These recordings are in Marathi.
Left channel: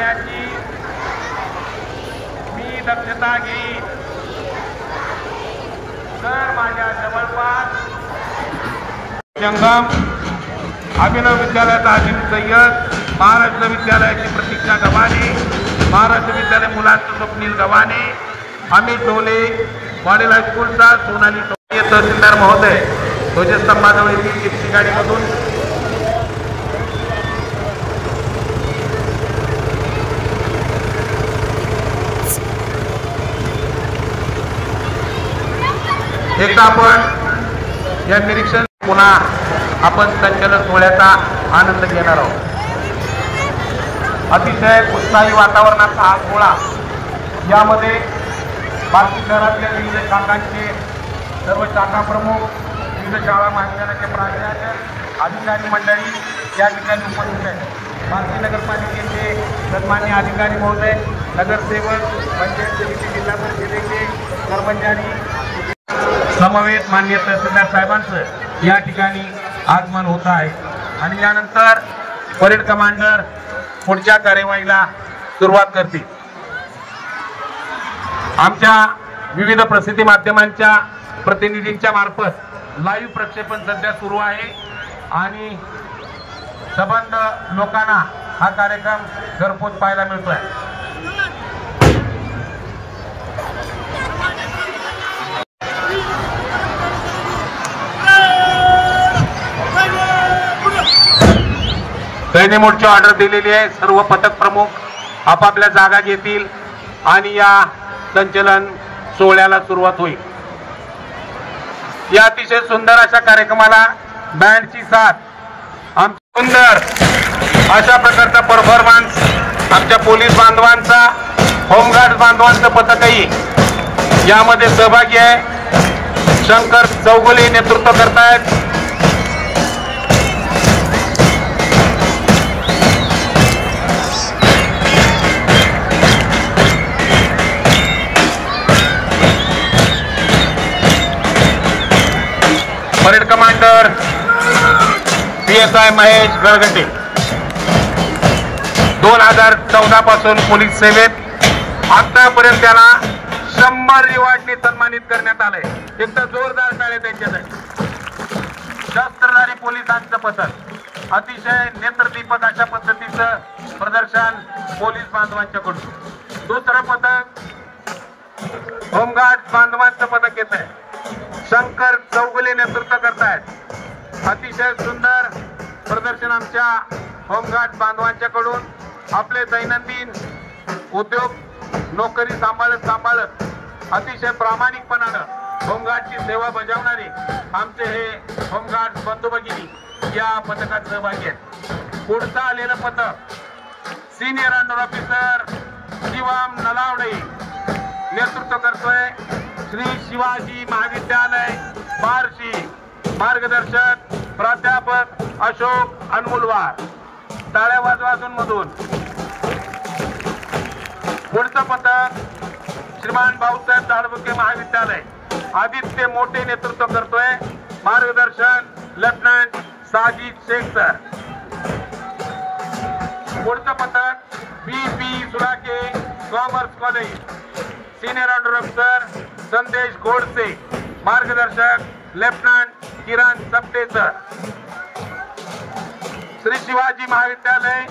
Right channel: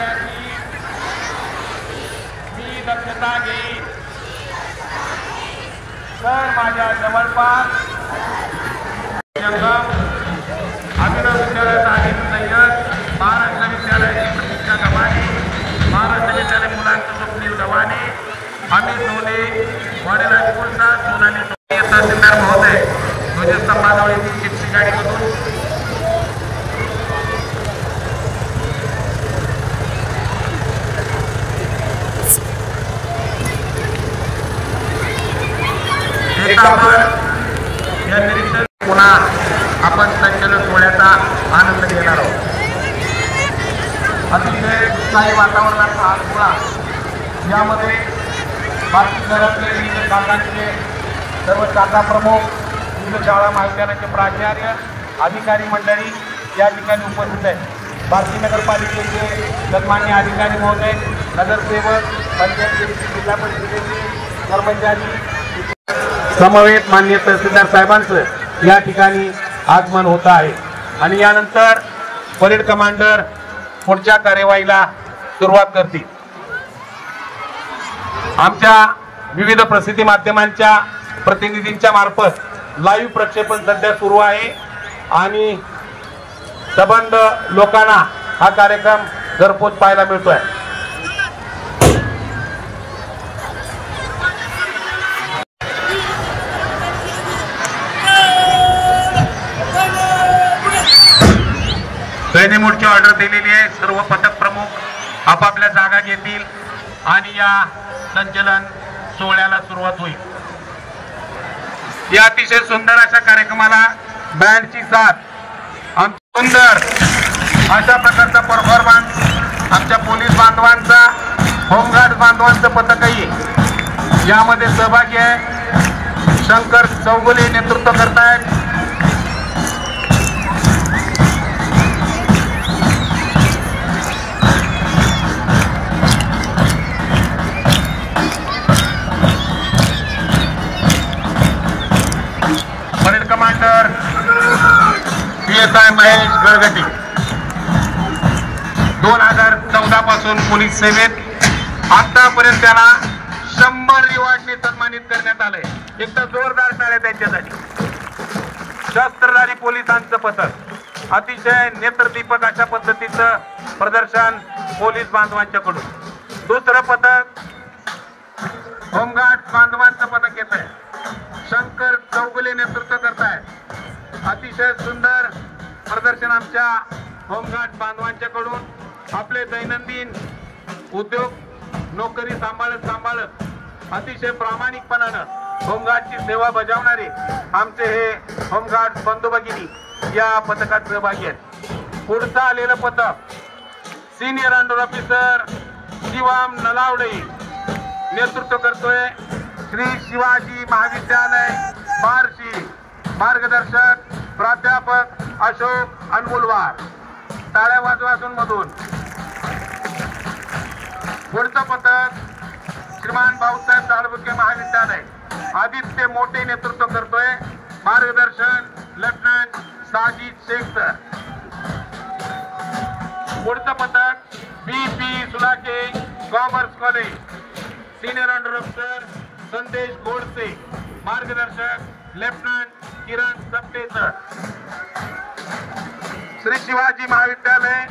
करण्याची मी दक्षता घेईन। तर माझ्या समर्पण जंगम अभिनव विद्यालयाचा अजित सय्यद, महाराष्ट्र विद्यालयाची प्रतीक्षा गव्हाणे, महाराष्ट्र विद्यालय मुलांचं स्वप्नील गव्हाणे, अमित ढोले, मॉडेल हायस्कूलचा सोनाली तहसीलदार महोदय ध्वजस्तंभाजवळ जिप्सी गाडी करून एकदा आपण या निरीक्षण पुन्हा आपण संचलन सोहळ्याचा आनंद घेणार आहोत। अतिशय उत्साही वातावरणाचा हा सोहळा, यामध्ये बाकी शहरातल्या विविध शाखांचे सर्व शाखा प्रमुख, विविध शाळा महाविद्यालयाचे प्राचार्य, अधिकारी मंडळी या ठिकाणी उपस्थित आहेत। बार्शी नगरपालिकेचे सन्माननीय अधिकारी महोदय, नगरसेवक, पंचायत समिती, जिल्हा परिषदेचे कर्मचारी समवेत माननीय तहसीलदार साहेबांचं या ठिकाणी आगमन होत आहे आणि यानंतर परेड कमांडर पुढच्या कार्यवाहीला सुरुवात करतील। आमच्या विविध प्रसिद्धी माध्यमांच्या प्रतिनिधींच्या मार्फत लाईव्ह प्रक्षेपण सध्या सुरू आहे आणि सबंध लोकांना हा कार्यक्रम घरपोच पाहायला मिळतोय। सैन्य मोर्चा ऑर्डर दिलेली आहे। सर्व पथक प्रमुख आपापल्या जागा घेतील आणि या संचलन सोहळ्याला सुरुवात होईल। या अतिशय सुंदर अशा कार्यक्रमाला बँडची साथ, आमच्या सुंदर अशा प्रकारचा परफॉर्मन्स आमच्या पोलीस बांधवांचा, होमगार्ड बांधवांचं पथकही यामध्ये सहभागी आहे। शंकर चौगुले नेतृत्व करतायत। परेड कमांडर PSI महेश गळगटे 2014 पासून पोलीस सेवेत, आतापर्यंत त्याला 100 रिवॉर्डने सन्मानित करण्यात आलंय। एकदा जोरदार टाळ्या त्यांच्यासाठी। शस्त्रधारी पोलिसांचं पथक, अतिशय नेत्रदीपक अशा पद्धतीचं प्रदर्शन पोलीस बांधवांच्याकडून। दुसरं पथक होमगार्ड बांधवांचं पथक येत आहे। शंकर चौगुले नेतृत्व करतायत। अतिशय सुंदर प्रदर्शन आमच्या होमगार्ड बांधवांच्याकडून। आपले दैनंदिन उद्योग नोकरी सांभाळत अतिशय प्रामाणिकपणानं होमगार्डची सेवा बजावणारे आमचे हे होमगार्ड बंधू भगिनी या पथकात सहभागी आहेत। पुढचं आलेलं पथक सिनियर अंडर ऑफिसर शिवाम नलावडे नेतृत्व करतोय। श्री शिवाजी महाविद्यालय बार्शी, मार्गदर्शक प्राध्यापक अशोक अनमुलवार। टाळ्या वाजवातून मधून पुढचं पथक श्रीमान भाऊसाहेब दाळबुके महाविद्यालय, आदित्य मोठे नेतृत्व करतोय। मार्गदर्शन लेफ्टनंट साजिद शेख सर। पुढचं पथक BP Sulake commerce college, senior under officer Sandesh Godse, मार्गदर्शक लेफ्टनंट किरण सप्टे सर। श्री शिवाजी महाविद्यालय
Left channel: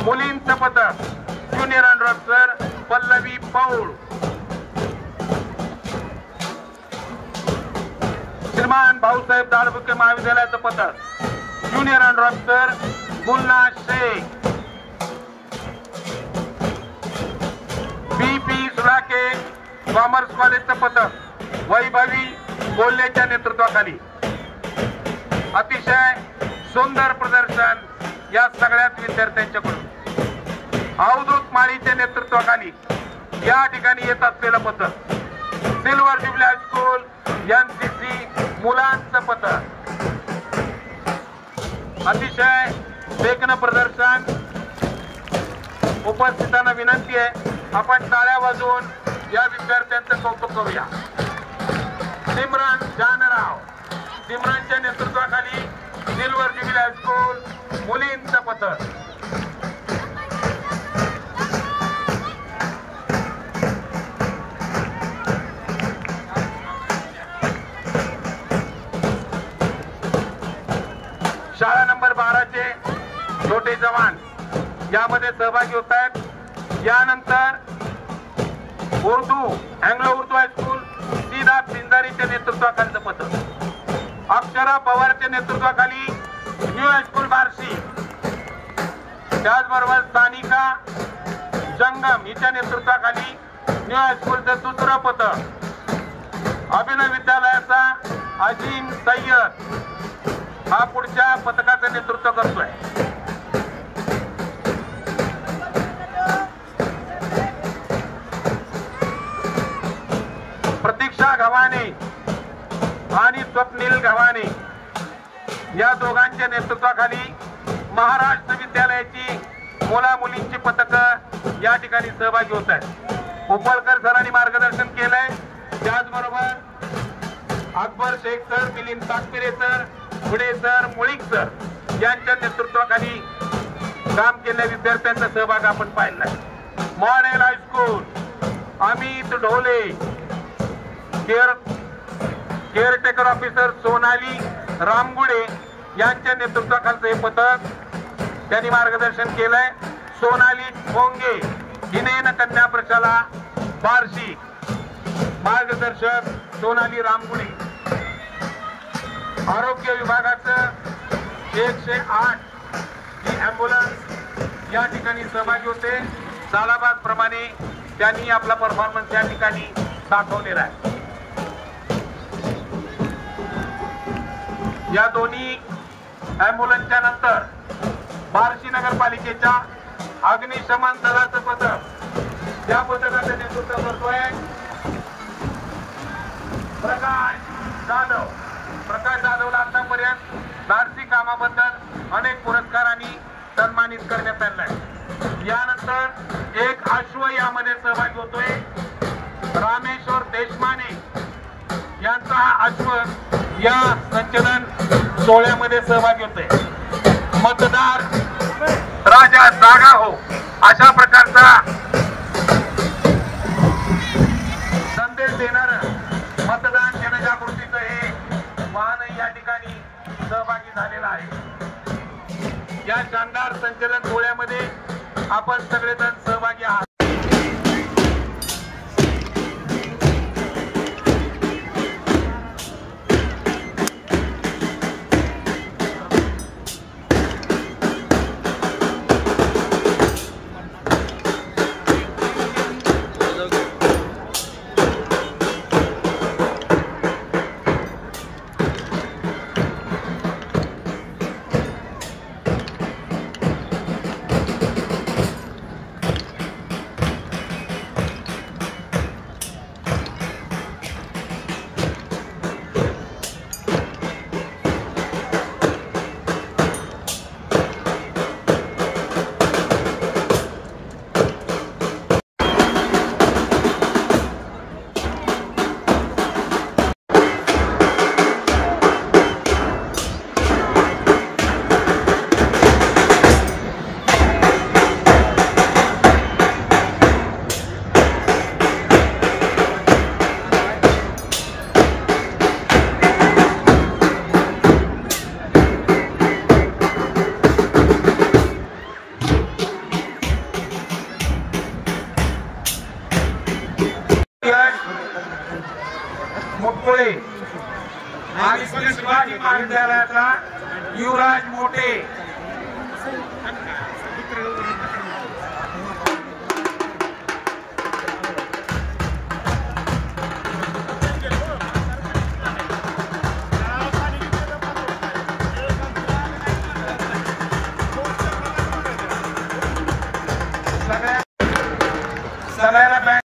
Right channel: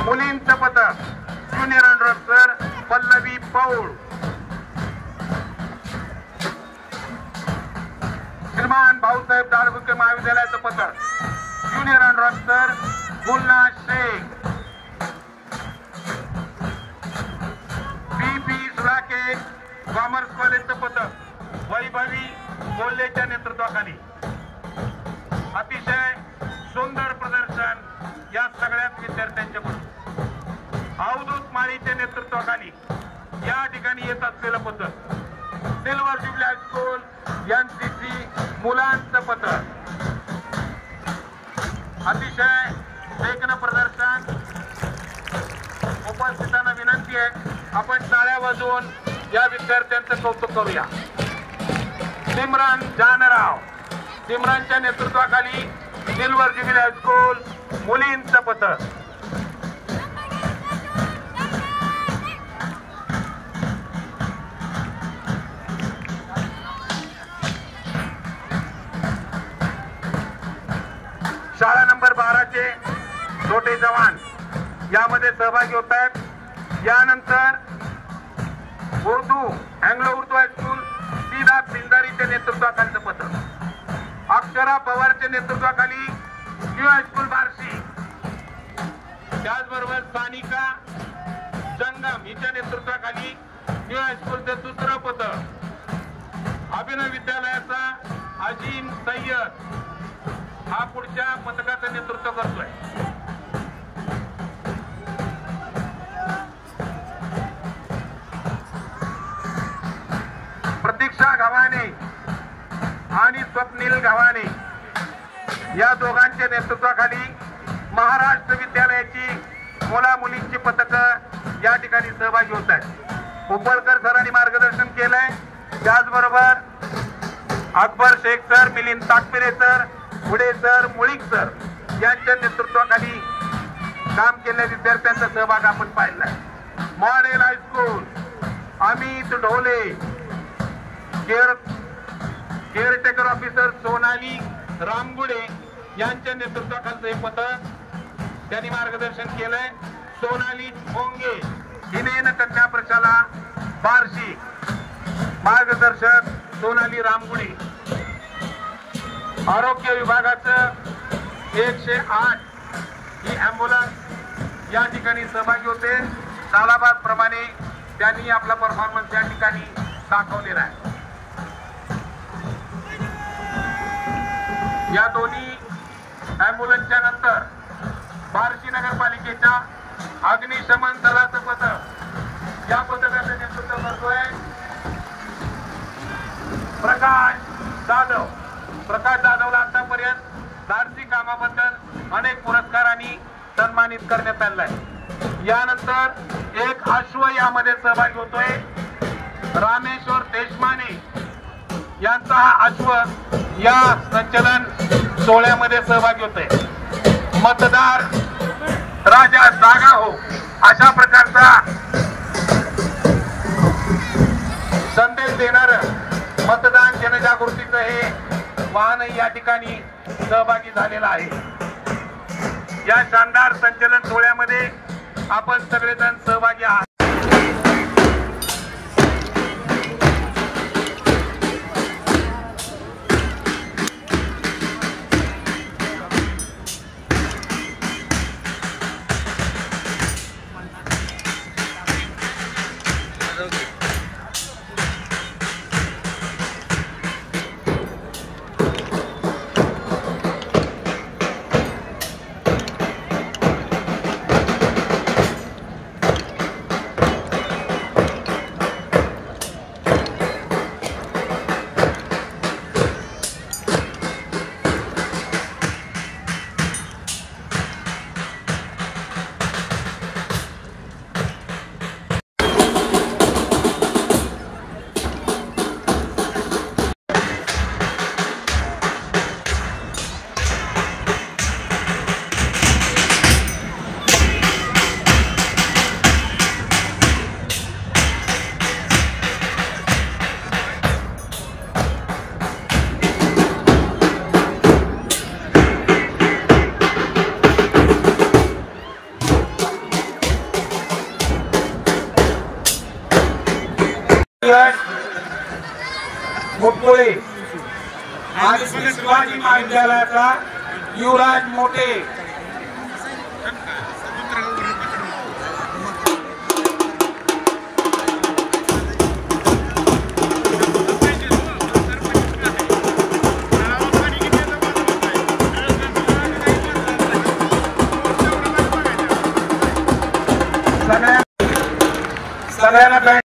मुलींचं पथक junior under officer Pallavi Paul. श्रीमान भाऊसाहेब दाळबुके महाविद्यालयाचं पथक junior under officer Munna Shaikh. BP Sulake commerce कॉलेजचं पथक वैभवी कोल्हेच्या नेतृत्वाखाली। अतिशय सुंदर प्रदर्शन या सगळ्याच विद्यार्थ्यांच्याकडून। अवधूत माळीच्या नेतृत्वाखाली या ठिकाणी येत असलेलं पथक सिल्वर ज्युबली हायस्कूल NCC मुलांचं पथक। अतिशय देखणं प्रदर्शन। उपस्थितांना विनंती आहे आपण टाळ्या वाजवून या विद्यार्थ्यांचं कौतुक करूया। सिमरन जानराव, सिमरनच्या नेतृत्वाखाली सिल्वर ज्युबली हायस्कूल मुलींचं पथक। पालिकेचे छोटे जवान यामध्ये सहभागी होत आहेत. यानंतर अँग्लो उर्दू हायस्कूल सीधा पिंजारीच्या नेतृत्वाखालीचं पथक, अक्षरा पवारच्या नेतृत्वाखाली न्यू हायस्कूल बार्शी, त्याचबरोबर सानिका जंगम हिच्या नेतृत्वाखाली न्यू हायस्कूलचं दुसरं पथक, अभिनव विद्यालयाचा अजीम सय्यद हा पुढच्या पथकाचं नेतृत्व करतोय. प्रतीक्षा गव्हाणे आणि स्वप्नील गव्हाणे या दोघांच्या नेतृत्वाखाली महाराष्ट्र विद्यालयाची मुला मुलींची पथकं या ठिकाणी सहभागी होत आहेत. उपळकर सरांनी मार्गदर्शन केलंय. त्याचबरोबर अकबर शेख सर, मिलिंद ताकपिरे सर, पुढे सर, मुळीक सर यांच्या नेतृत्वाखाली काम केलेल्या विद्यार्थ्यांचा सहभाग आपण पाहिलाय. Model high school Amit Dhole, caretaker officer Sonali Ramgude यांच्या नेतृत्वाखालचं हे पथक त्यांनी मार्गदर्शन केलंय. सोनाली भोंगे हिने कन्या प्रशाला बार्शी, मार्गदर्शक सोनाली रामगुडे. आरोग्य विभागाचं 108 ही अँब्युलन्स या ठिकाणी सहभागी होते. सालाबाद प्रमाणे त्यांनी आपला परफॉर्मन्स या ठिकाणी दाखवलेला आहे. या दोन्ही अँब्युलन्सच्या नंतर बार्शी नगरपालिकेच्या अग्निशमन दलाचं पथक, या पथकाचं नेतृत्व करतोय प्रकाश जाधव. प्रकाश जाधवला आतापर्यंत धाडसी कामाबद्दल अनेक पुरस्कारांनी सन्मानित करण्यात आले आहे. यानंतर एक अश्व यामध्ये सहभागी होतोय रामेश्वर देशमाने यांचा हा अश्व या संचलन सोहळ्यामध्ये सहभागी होतोय. मतदार राजा जागा हो अशा प्रकारचा संदेश देणार मतदान जनजागृतीचं हे वाहनही या ठिकाणी सहभागी झालेलं आहे. या शानदार संचलन सोहळ्यामध्ये आपण सगळेजण सहभागी आहात. मुटकुळे आणि श्री शिवाजी महाविद्यालयाचा युवराज मोठे सगळ्यांना